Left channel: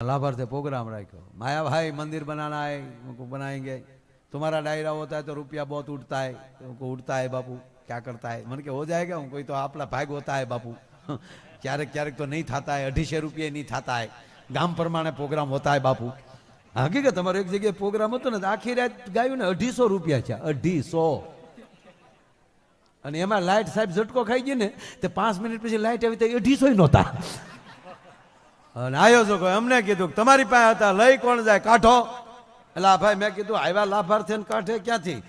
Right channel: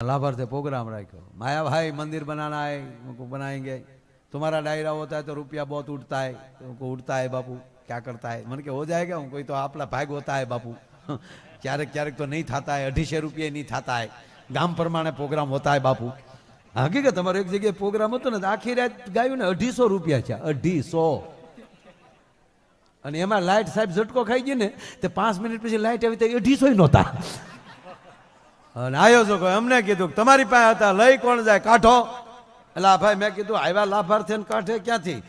लाभार्थी प्रोग्राम रखो, माया भाई मंदिर बनाना है, उनको बनाएंगे, तुम्हारा डायरा होता है तो रुपया बहुत उठता है, तो उनको उठता है बापू, क्या करता है मन के हो जाएगा हूँ कोई तो आपला भाग होता है बापू क्यारेक क्यारेक तो नहीं थाता है, 250 रुपये नहीं थाता है, गाम प्रमाणे प्रोग्राम होता है बापू। हकीकत अमर एक जगह प्रोग्राम होतो ने आखी रात गायु ने 250 रुपया છે, 250 અને એમાં લાઈટ સાહેબ ઝટકો ખાઈ ગઈ ને તે 5 મિનિટ પછી લાઈટ આવી તો 250 નહોતા અને આયોજકો અમને કીધું તમારી પાસે હતા લઈ કોણ જાય કાઢો, એટલે ભાઈ મેં કીધું આવ્યા લાભાર્થી કાઢે ક્યાંથી,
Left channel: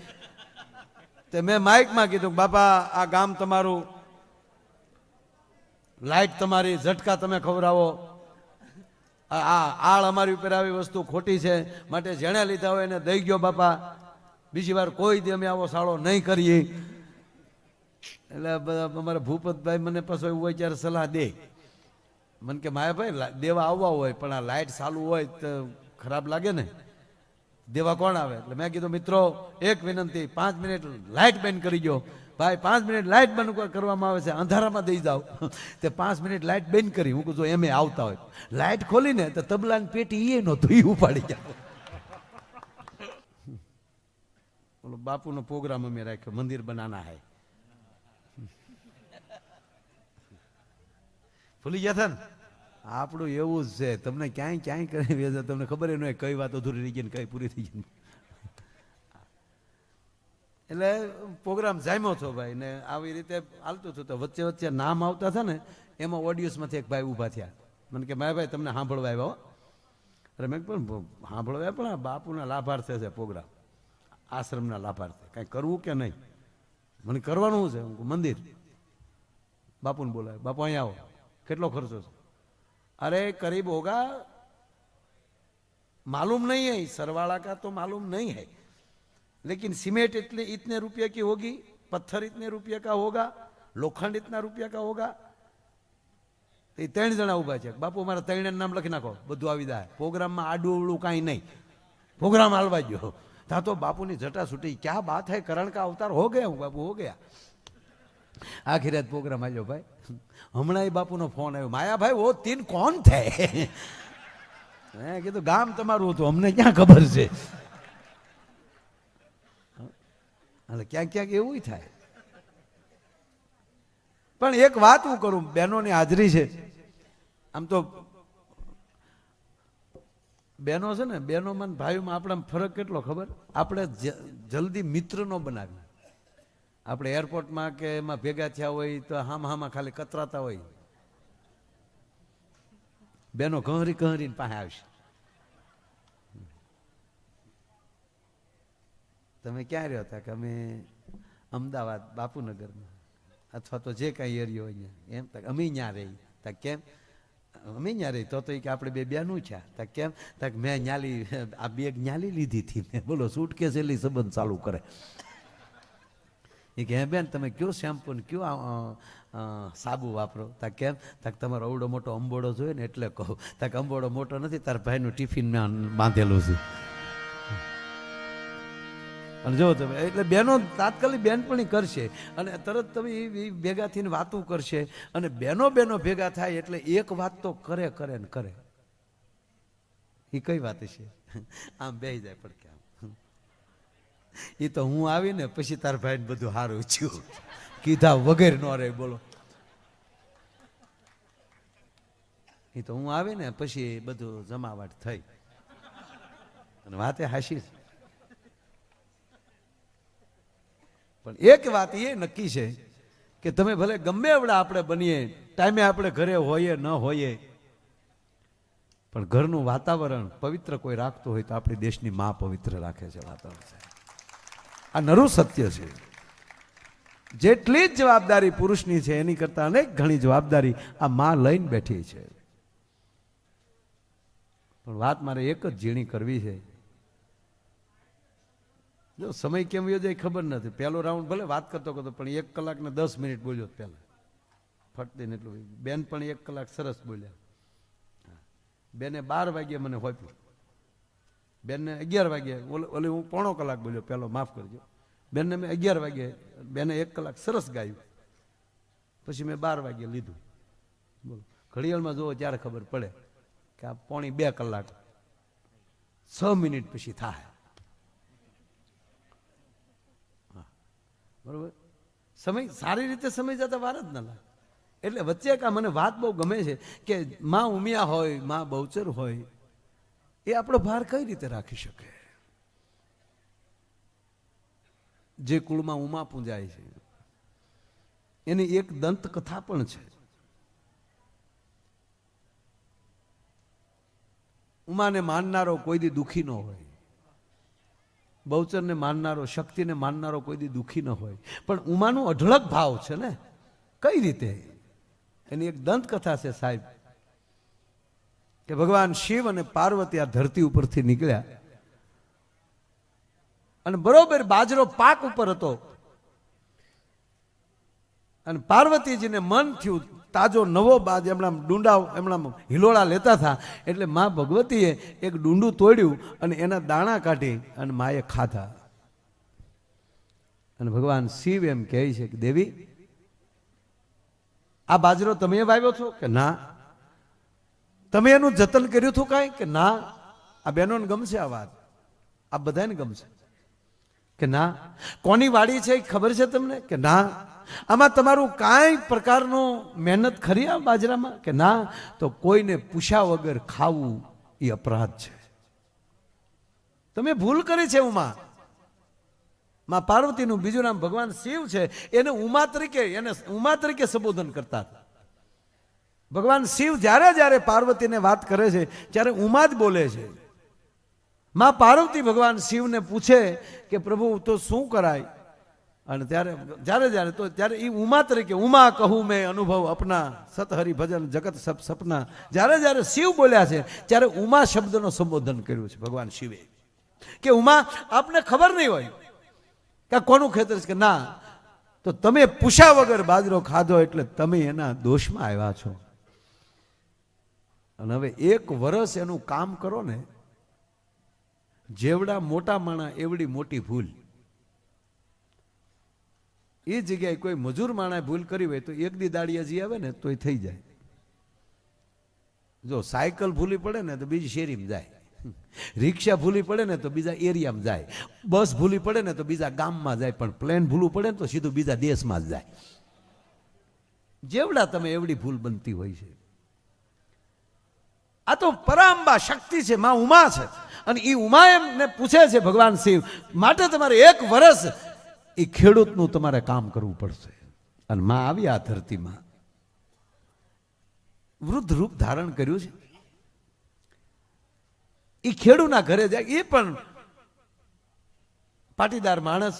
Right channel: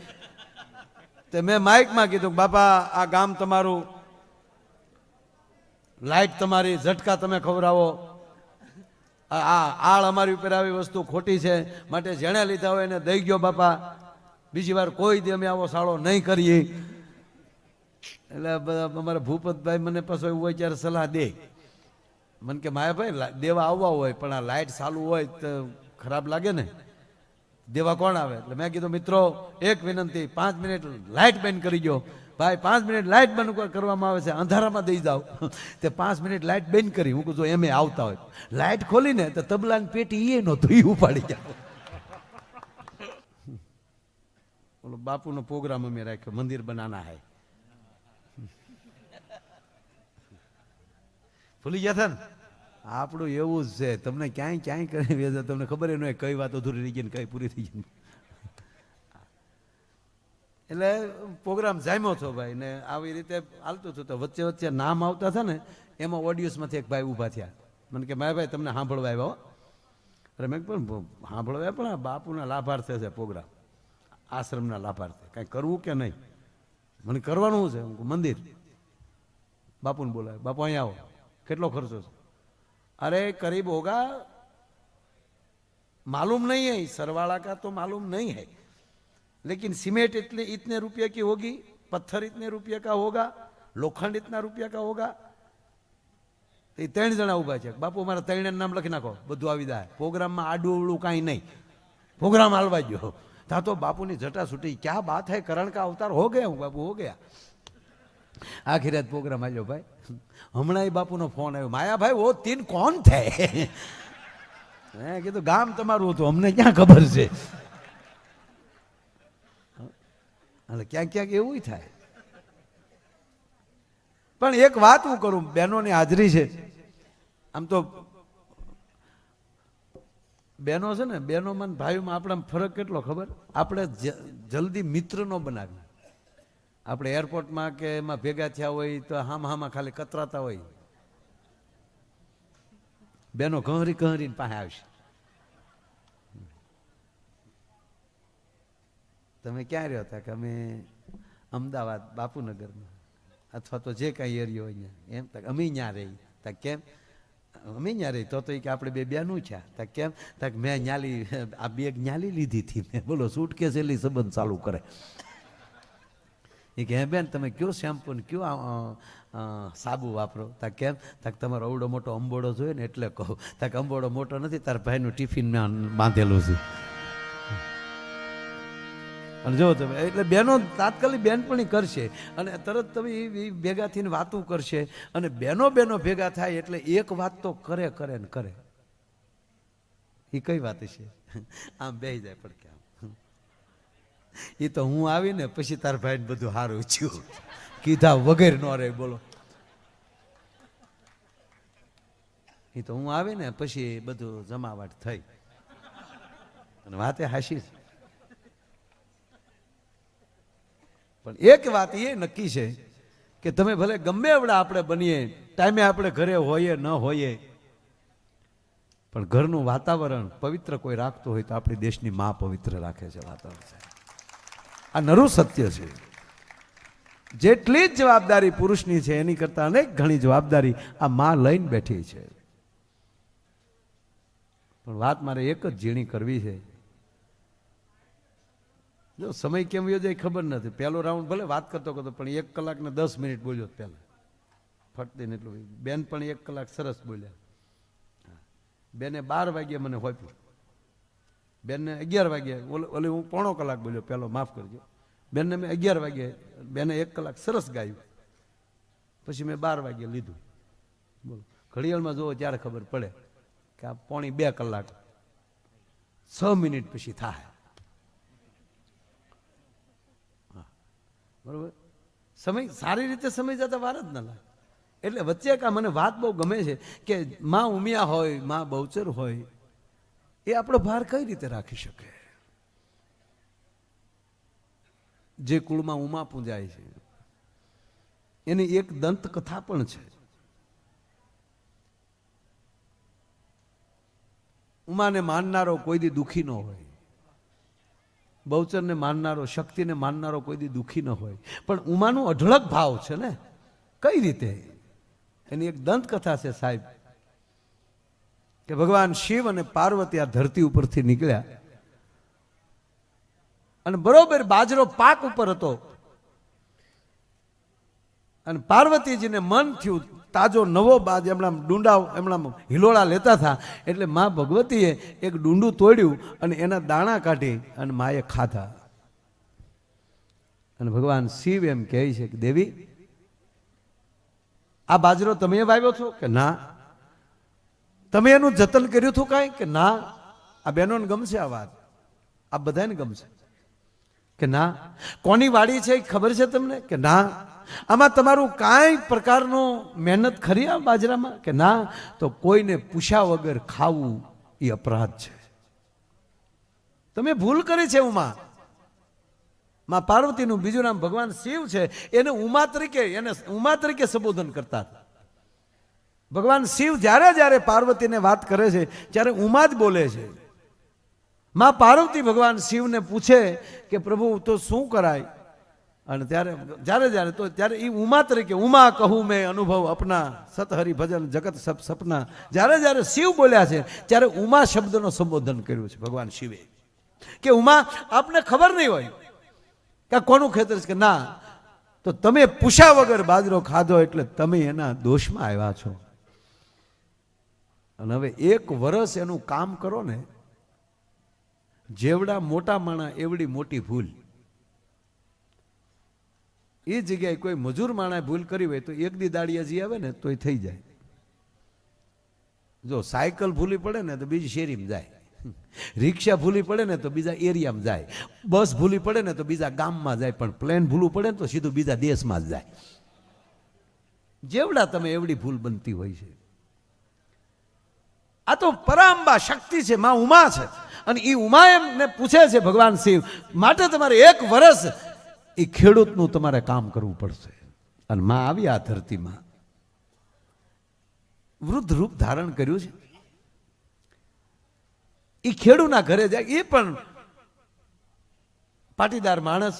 તે મેં માઇકમાં કીધું બાપા આ ગામ તમારું, લાઈટ તમારી, ઝટકા તમે ખવડાવો, આળ અમારી ઉપર આવી વસ્તુ ખોટી છે માટે જેણે લીધા હોય એને દઈ ગયો બાપા, બીજી વાર કોઈ દી અમે આવો સાળો નહીં કરીએ। એટલે અમારા ભૂપતભાઈ મને પાછો એવું હોય ત્યારે સલાહ દે, મને કે માયાભાઈ દેવા આવવા હોય પણ આ લાઇટ ચાલુ હોય તો ખરાબ લાગે ને, દેવા કોણ આવે? એટલે મેં કીધું મિત્રો એક વિનંતી, 5 મિનિટ લાઇટ બંધ કરી દો ભાઈ, 5 મિનિટ લાઇટ બંધ કરવામાં આવે છે, અંધારામાં દઈ જાઓ તે 5 મિનિટ લાઇટ બંધ કરી, હું કહું એમ આવતા હોય લાઇટ ખોલીને તો તબલાની પેટી એ નહોતું એ ઉપાડી જાય। બાપુનો પ્રોગ્રામ અમે રાખ્યો, મંદિર બનાના હૈ, ભૂલી ગયા હતા ને? આપણું એવું જ છે, તમને ક્યાંય ક્યાંય કરી વેચે, તમને ખબર ન હોય કઈ વાત અધૂરી રહી ગઈ ને કઈ પૂરી થઈ ગઈ। એટલે પ્રોગ્રામ જામ્યો છો ભાઈ ને આવી રીતે હાલતું હતું, તો વચ્ચે વચ્ચે નામ આવતા હતા ને એમાં ઓડિયન્સમાંથી એક ભાઈ ઊભા થયા, મને કે મારા ભાઈ તમને સાંભળવા આવ્યા? અરે મેં પણ સાંભળવા પણ બાપુના લાભાર્થે છે પ્રોગ્રામ, આશ્રમના લાભાર્થે, કાંઈ કરવું કે નહીં? મને કરવાનું છે, મંદિર, બાપુને બોલાવે, બાપુ અહીંયા આવો, કેટલો ખર્ચો છે? अरे करीब होगा, मालूम नहीं है, सरवाला का तो मालूम नहीं है, लेकिन सीमेंट इतने रुपये की होगी, पत्थर इतने रुपये का होगा, लोखंड इतना रुपया का होगा। 3 જણા ઉભા છે, બાપુ મારા 3 નામ લખી નાખો, બધું આવી જાય, પ્રોગ્રામમાં આડું અવળું કાંઈ નહીં, પ્રોગ્રામ હાલવા ગયો તા તો બાપુની જટા છૂટી, ક્યાં બાત है, करण का अवतार हो गया हूँ बापू, हो गया। आखिर रात प्रोग्राम आयो भाई, हमણાં બાપુનો ફોન આવ્યો, માયા ભાઈ वो 3 कौन थे? મેં કીધું ગામ તમારું હતું, અમને ક્યાં ખબર છે? એટલે ક્યાંક ક્યાંક એવું થાય। પણ એક વાત હું કરું, બહેનોની હાજરી છે, આમ તો બહેનો છે ને, બહેનોમાં ભાઈઓમાં આપણા ફરક કેટલો ખબર? આપણે જલ્દી મિત્ર નો બનાવી, આપણે એરપોર્ટમાં કે એમાં ભેગા થયા હોય તો હામાં ખાલી કતરાતા હોય, બેનો કહરી કહરીને પાસે આવશે, તમે ક્યાં રહ્યો હતા? કે અમે અમદાવાદ બાપુનગરમાં, અથવા તો જે કાંઈ એરિયો હોય એમ, અમે ત્યાં રહી, તા કેમ અમે ત્યાં રહી? તો કે આપણે બેનું છે, તા કેમ? તક મેં ન્યાલી આ બેગ ન્યાલી લીધી હતી મેં, બોલો સૂટકેસ એટલી સંબંધ ચાલુ કરે। એ કે બેન તમે કયો શેમ્પુ ને કયો સાબુ વાપરો? તા કેમ? તક તમારો અવડો મોટો અંબોડો જોઈએ ને એટલે કહું, તક અંબોડો મોટો નથી, તાર ભાઈનું ટિફિન મેં બાંધેલું છે। અને જો તમે એટલે બહેનો તાત્કાલિક બેનપણી કરશે અને તરત તમે ભેગા થઈને વાતું કરશે, અને બહેનો ભેગા થાય એટલે એક વાત તો કરે કરે ને કરે। એ કઈ વાત છે? આમ બેહી જાય પડકે, એ તો હું આવીને પછી તાર ભાઈને બધું હારું થયું કીધા વગેરે ન રહે, બોલો, એ તો હું આવીને પછી બધું જમાવટ થઈ અને વાતે હાશી। પણ એક વાત એ નક્કી છે કે તમે ભલે ગમે એવડા આપણે બનીએ, ટાઈમે આપણે ઘરે હોઈએ ન હોઈએ, પણ ઘરનું વાતાવરણ પવિત્ર કોઈ રાખતું હોય તો આપણી દેશની માં પવિત્ર રાખે છે વાતાવરણ। આ નરું સત્ય છે। જેટલી જ જવાબદારી પુરુષની છે એની કરતા અનેક ઘણી જવાબદારી આ માં લઈને બેઠી છે। પણ વાત મારે એક જ ઝીણી કરવી છે, જો સમય કેમ વયો જાય ખબર નથી, પહેલો રાઉન્ડ ભલે વાત કરતો કરતો પણ 1 કલાક ને 10 મિનિટ બોલ્યો પહેલા ફટતીને એટલું, બેન પણ 1 કલાક સરસ બોલ્યા, બેને 12 વાગ્યે મને હોપ્યું, બેનને 11 વાગ્યે, ઓલી હું 1.5 કલાક બોલ્યો પહેલો, માફ કરજો, બેનને મેં 11 વાગ્યે, બેને 1 કલાક સરસ ગાયું, પછી મેં 12 વાગ્યે લીધું, બોલો ઘડિયાળમાં જોવો ત્યારે ખબર પડે કે આ 1.5 કલાક 6 મિનિટ પછી થાય. બરોબર, સમય સારી રીતે સમય જતા વાર જ ન લાગે. એટલે વચ્ચે કા મને વાત બહુ ગમે છે કે માં ઉમિયા હોય, માં બહુચર હોય, એ આપણો ભાર કઈ રીતે રાખી શકે? જે કુળમાં ઉમા પૂજાય છે એની એક દંત કથા પણ છે. ઉમાને માનનારો કોઈ દી દુઃખી ન હોય, બહુચરને માનનારો, શક્તિને માનનારો કોઈ દી દુઃખી ન હોય. પણ ઉમાનો અઢળક ભાવ છે ને, કઈ રીતે? એની એક દંત કથા છે સાહેબ, કે ભગવાન શિવ અને પાર્વતી આ ધરતી ઉપરથી નીકળ્યા અને બરોબર બાજરો પાક ઉપર હતો અને પાર્વતીજીને મન થયું તાજો નવો બાજ એમના ડુંડા એમના હિલોળા લેતા હતા. એટલે માં ભગવતીએ એક ડુંડું તોડ્યું અને એના દાણા કાઢી અને માએ ખાધા. અને ભગવાન શિવ એમ કહે છે કે દેવી, આ બાજરો તમે વાવ્યો છો કે ના? તમે એનું જતન કર્યું હતું કાંઈ કે ના? આ બહેનોને ગમશે આ વાત, આ બધાને ગમશે કે ના? કોની વાડી છે ખબર છે તમને કે ના? આમાં તમારું કાંઈ પ્રકારનો મહેનત ખરી આ બાજરામાં કે ના? તો કોઈને પૂછ્યા વગર ખાવું એ અપરાધ છે. તમે ભૂલ કરી છે. માં પાર્વતીનું બીજું નામ ભગવાન શિવ છે. એને ઉમા તરીકે સંબોધન કરતા હતા. ભગવાન શિવ જ્યારે જ્યારે પાર્વતીને વાત કરે છે ત્યારે ઉમા જ બોલે છે. માં પાર્વતી ભગવાન શિવને પૂછે કે પ્રભુ તો શું કરાય? અને ત્યારે એ ઉમા તરીકે, ઉમા કહું મેં અનુભવ અપના, સત હરિ ભજન જગત સબ સપના. જ્યારે શિવ બોલ્યા છે ત્યારે ઉમા શબ્દનો સંબોધન કર્યું છે ભગવાન શિવે. કે ઉમા, આપને ખબર નહીં હોય કે કોનું ખેતર છે કે ના? તો તમે પૂછ્યા વગર બાજરો ખાધો એટલે તમે એના દોષમાં આવ્યા છો. અને હવે 1 વર્ષ એનું કામ કરો ને, જેવડા મોટા માણા એવડી મોટી ભૂલ. એ જગ્યાએ કોઈ મજૂર માણાએ ભૂલ કરી હોય તો 1 દી દાડિયા જી આવે ને તોય થઈ જાય. જો સાયકલ ભૂલી પડે ને તો બીજી શેરીમાં જાય, રિક્ષા ભૂલી પડે ને તો બીજા એરિયામાં જાય, બસ ભૂલી પડે ને તો બીજા ગામમાં જાય, પણ પ્લેન ભૂલવું પડે ને તો સીધું બીજા દેશમાં જ જાય. જેવડા તમે એવડી ભૂલ બનતી હોય છે. આ તો પરાંબા શક્તિ છે, માં ઉમા છે. અને એ ઉમા એમને પૂછે છે ભગવાન શિવ, માટે તમારે 1 વર્ષ એ ખેડૂતનું તમારે કામ કરવું પડશે. અને માં આવી આ ધરતીમાં વૃદ્ધ રૂપ ધારણ કર્યું છે. એ ખેડૂના ઘરે જાય, એ પણ પાટીદાર માણસ.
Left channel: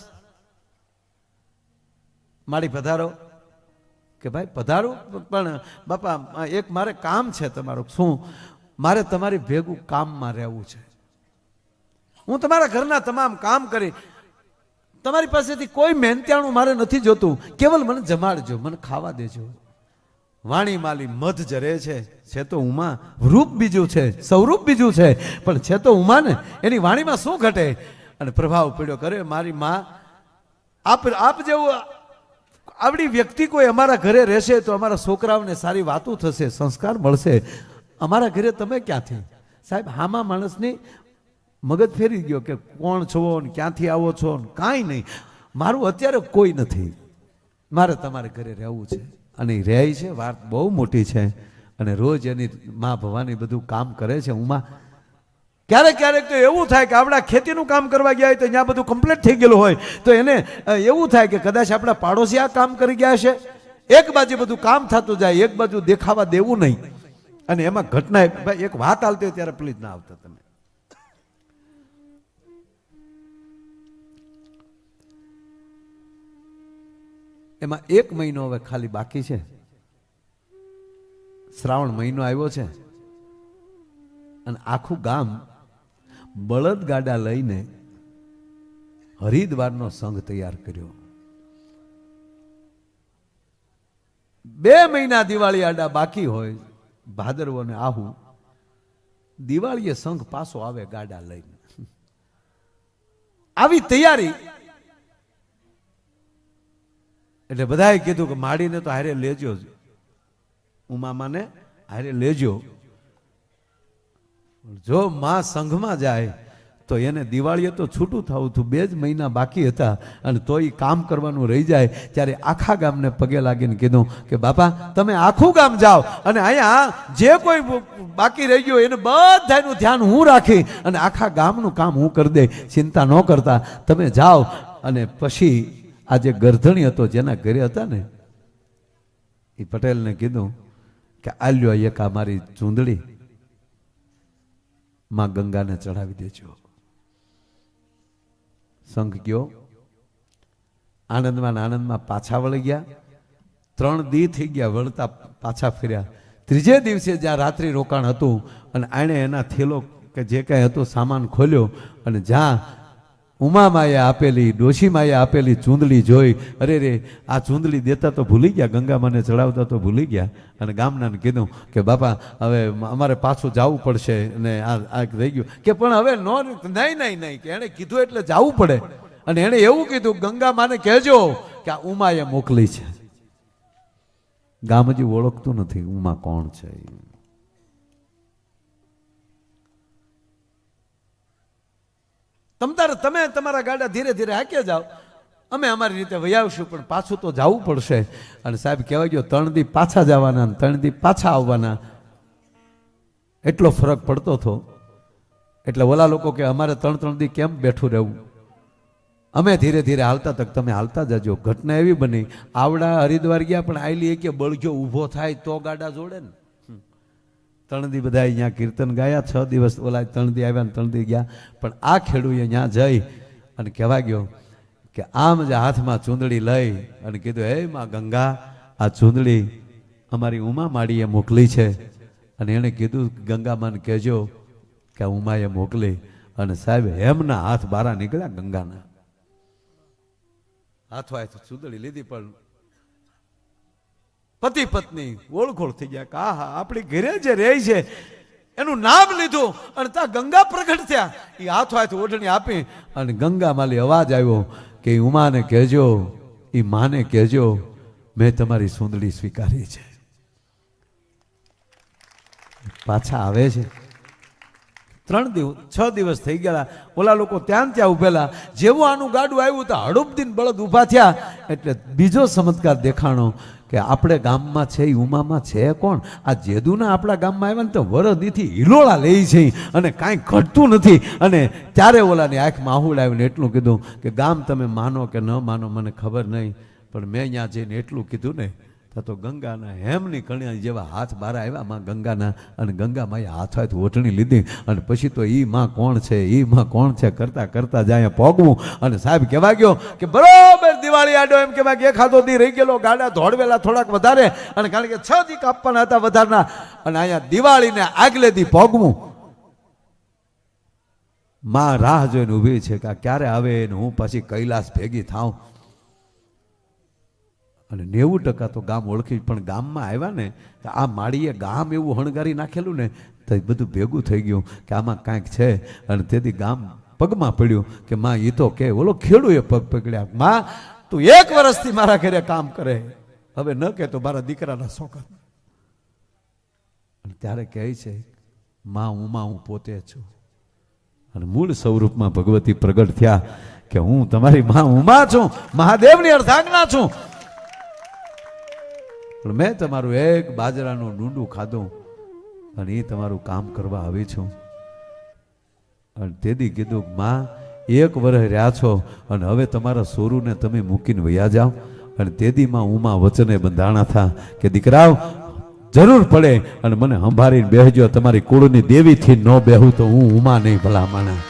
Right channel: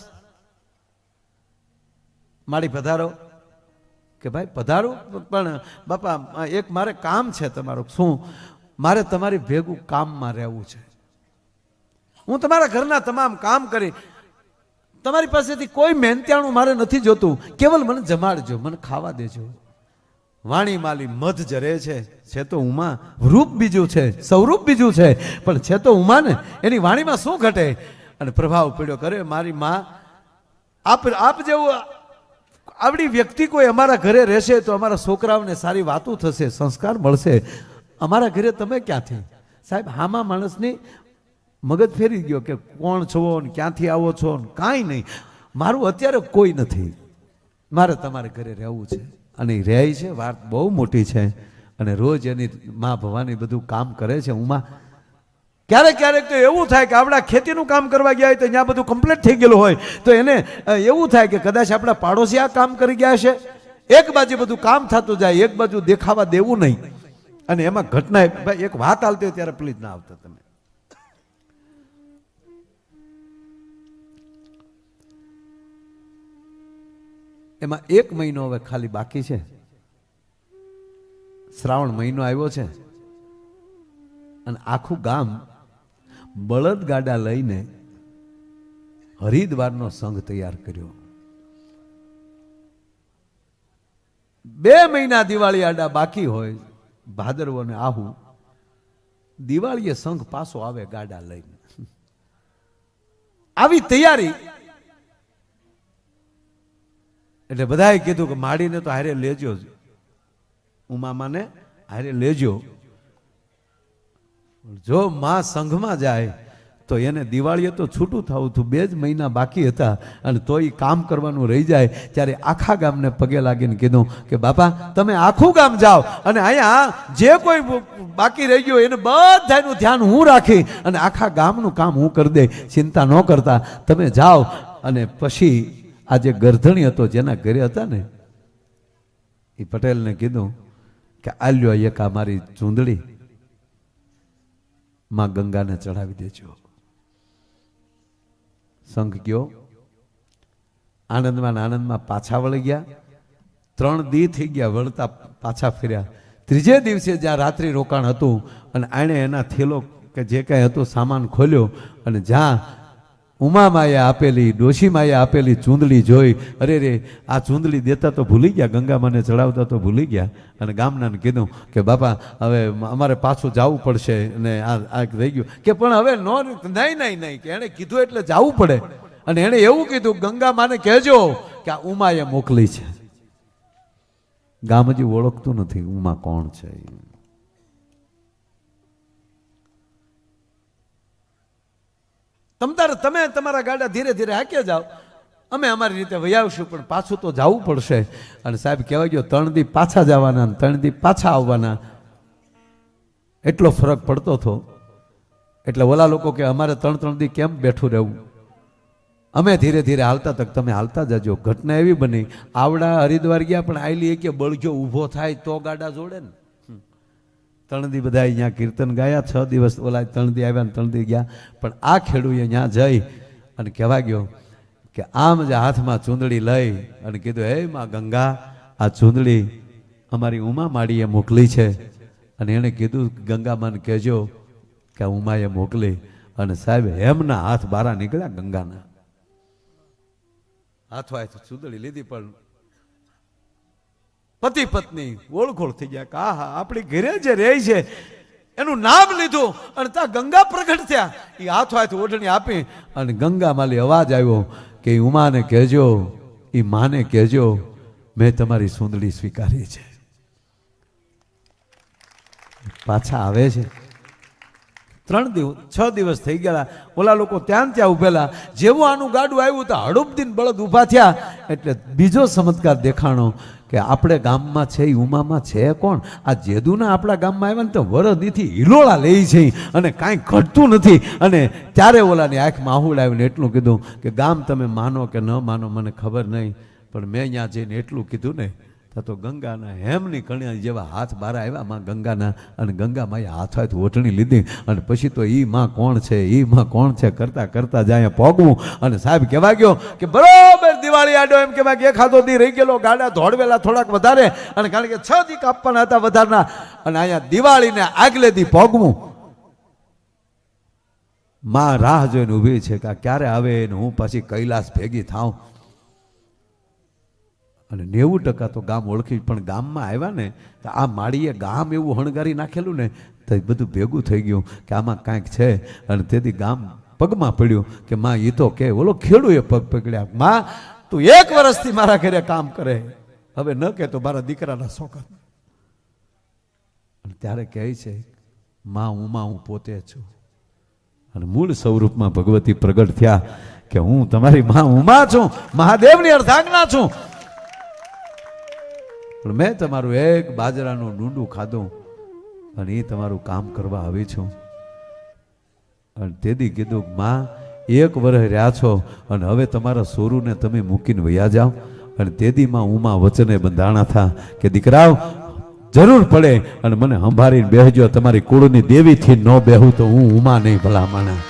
મારી પધારો કે ભાઈ પધારો, પણ બાપા એક મારે કામ છે તમારું. શું? મારે તમારી ભેગું કામમાં રહેવું છે. હું તમારા ઘરના તમામ કામ કરી, તમારી પાસેથી કોઈ મહેનતાણું મારે નથી જોતું, કેવલ મને જમાડજો, મને ખાવા દેજો. વાણી માલી મધ જરે છે તો ઉમા. રૂપ બીજું છે, સ્વરૂપ બીજું છે, પણ છે તો ઉમા ને. એની વાણીમાં શું ઘટે? અને પ્રભાવ પડ્યો કરે મારી માં. આપ જેવું આવડી વ્યક્તિ કોઈ અમારા ઘરે રહેશે તો અમારા છોકરાઓને સારી વાતો થશે, સંસ્કાર મળશે. અમારા ઘરે તમે ક્યાંથી? સાહેબ, હામા માણસની મગજ ફેરી ગયો કે કોણ છો ને ક્યાંથી આવો છો ને કાંઈ નહીં. મારું અત્યારે કોઈ નથી, મારે તમારે ઘરે રહેવું છે. અને એ રહે છે, વાત બહુ મોટી છે. અને રોજ એની માં ભવાની બધું કામ કરે છે. ઉમા ક્યારેક તો એવું થાય કે આપણા ખેતીનું કામ કરવા ગયા હોય તો ત્યાં બધું કમ્પ્લીટ થઈ ગયેલું હોય તો એને એવું થાય કે કદાચ આપણા પાડોશી આ કામ કરી ગયા છે. એક બાજુ બધું કામ થતું જાય, એક બાજુ દેખાવા દેવું નહીં. અને એમાં ઘટના એક વાત હાલતી હોય ત્યારે પ્લીઝ ના આવતા તમે. એમાં 1 મહિનો હવે ખાલી બાકી છે. શ્રાવણ મહિનો આવ્યો છે અને આખું ગામ બળદગાડા લઈને હરિદ્વારનો સંઘ તૈયાર કર્યો. 2 મહિના દિવાળી આડા બાકી હોય, ભાદરવો ને આહુ. દિવાળીએ સંઘ પાછો આવે ગાડા લઈને. આવી તૈયારી. એટલે બધાએ કીધું કે માડીને તો હારે લેજો, ઉમામાને હારે લેજો. જો માં સંઘમાં જાય તો એને દિવાળીએ તો છૂટું થવું હતું, 2 જ મહિના બાકી હતા અને તો એ કામ કરવાનું રહી જાય. ત્યારે આખા ગામને પગે લાગીને કીધું કે બાપા તમે આખું ગામ જાઓ અને અહીંયા જે કોઈ બાકી રહી ગયું એને બધાનું ધ્યાન હું રાખી અને આખા ગામનું કામ હું કરી દે, ચિંતા ન કરતા તમે જાઓ. અને પછી આ જે ગરધણી હતો જેના ઘરે હતા ને એ પટેલને કીધું કે આલ્યો એક આ મારી ચૂંદડી માં ગંગાને ચડાવી દેજો. સંઘ ગયો, આનંદમાં આનંદમાં પાછા વળી ગયા. 3 દી થઈ ગયા વળતા પાછા ફર્યા. 3જે દિવસે જ્યાં રાત્રિ રોકાણ હતું અને આણે એના થેલો કે જે કાંઈ હતો સામાન ખોલ્યો અને જ્યાં ઉમામાએ આપેલી ડોશીમાએ આપેલી ચૂંદડી જોઈ, અરે રે આ ચૂંદડી દેતા તો ભૂલી ગયા, ગંગામાને ચડાવતા તો ભૂલી ગયા. અને ગામનાને કીધું કે બાપા હવે અમારે પાછું જવું પડશે અને આ રહી ગયું કે પણ હવે નહીં કે એણે કીધું એટલે જવું પડે. અને એણે એવું કીધું ગંગામાને કહેજો કે આ ઉમાએ મોકલી છે. ગામ હજી ઓળખતું નથી ઉમા કોણ છે. તમે તમારા ગાડા ધીરે ધીરે હાંક્યા જાઓ, અમે અમારી રીતે વયાવશું પણ પાછું તો જવું પડશે. અને સાહેબ કહેવાય ગયો 3 દી પાછા જવાના 3 દી પાછા આવવાના, એટલો ફરક પડતો હતો. એટલે ઓલા લોકો કે અમારે 3 દી કેમ બેઠું રહેવું, અમે ધીરે ધીરે હાલતા તક તમે હાલતા જજો. ઘટના એવી બની, આવડા હરિદ્વાર ગયા પણ આયલી કે બળગ્યો ઊભો થાય તો ગાડા જોડે ને. 3 દી બધા અહીંયા કીર્તન ગાયા, 6 દિવસ ઓલા 3 દી આવ્યા ને 3 દી ગયા. પણ આ ખેડૂએ અહીંયા જઈ અને કહેવા ગયો કે આમ જ હાથમાં ચૂંદડી લઈ અને કીધું હે માં ગંગા આ ચૂંદડી અમારી ઉમા માડીએ મોકલી છે. અને એણે કીધું ગંગામાને કહેજો કે ઉમાએ મોકલી. અને સાહેબ હેમના હાથ બારા નીકળ્યા ગંગાના હાથો ચૂંદડી લીધી પણ પતિ પત્ની ઓળખોળ થઈ ગયા કે આહા આપણી ઘરે જે રહે છે એનું નામ લીધું અને ત્યાં ગંગા પ્રગટ થયા. એ હાથો હાથ ઓઢણી આપી અને ગંગા માલી અવાજ આવ્યો કે ઉમાને કહેજો, એ માને કહેજો મેં તમારી સુંદડી સ્વીકારી છે. પાછા આવે છે. 6 દિવસ થઈ ગયા. ઓલા લોકો ત્યાં ઉભેલા. જેવું આનું ગાડું આવ્યું તો હડુપદીન બળદ ઊભા થયા. એટલે બીજો ચમત્કાર દેખાણો કે આપણે ગામમાં છે ઉમામાં છે કોણ, આ જેદુના આપણા ગામમાં આવ્યા ને તો વરદીથી હિલોળા લે છે અને કાંઈ ઘટતું નથી. અને ત્યારે ઓલાની આંખમાં આહુડ આવીને એટલું કીધું કે ગામ તમે માનો કે ન માનો મને ખબર નહીં, પણ મેં અહીંયા જઈને એટલું કીધું ને તો ગંગાના હેમની કણિયા જેવા હાથ બારા આવ્યા માં ગંગાના. અને ગંગામાએ હાથ હાથ ઓઢણી લીધી. અને પછી તો ઈ માં કોણ છે, ઈ માં કોણ છે કરતા કરતા જાય પોગવું. અને સાહેબ કહેવા ગયો કે બરોબર દિવાળી આડો એમ કહેવાય કે 1 દી રહી ગયેલો, ગાડા દોડવેલા થોડાક વધારે. અને કારણ કે 6 દી કાપવાના હતા વધારના. અને અહીંયા દિવાળીને આગલે દી પોગવું. માં રાહ જોઈને ઊભી છે કે ક્યારે આવે ને હું પછી કૈલાસ ભેગી થાઉં. અને 90% તો ગામ ઓળખી. પણ ગામમાં આવ્યા ને તો આ માળીએ ગામ એવું હણગારી નાખેલું ને તો બધું ભેગું થઈ ગયું કે આમાં કાંઈક છે. અને તેથી ગામ પગમાં પડ્યું કે માં એ તો કે ઓલો ખેડૂએ પગ પકડ્યા, માં તું 1 વર્ષથી મારા ઘરે કામ કરે, હવે ન કે તો મારા દીકરાના શોખન. અને ત્યારે કહે છે માં હું પોતે છું. અને મૂળ સ્વરૂપમાં ભગવતી પ્રગટ થયા કે હું તમારી માં ઉમા છું, મહાદેવની અર્ધાંગના છું. પણ મેં તમારું એક બાજરાનું ડુંડું ખાધું અને એ તમારું કામ કરવા આવી છું. અને તેથી કીધું માં 1 વર્ષ રહ્યા છો અને હવે તમારા સોરુને તમે મૂકીને વયા જાઓ. અને તેથી માં ઉમા વચને બંધાણા થા કે દીકરાઓ જરૂર પડે અને મને સંભાળીને બેસજો, તમારી કુળની દેવીથી ન બેહું તો હું ઉમા નહીં ભલા માણા.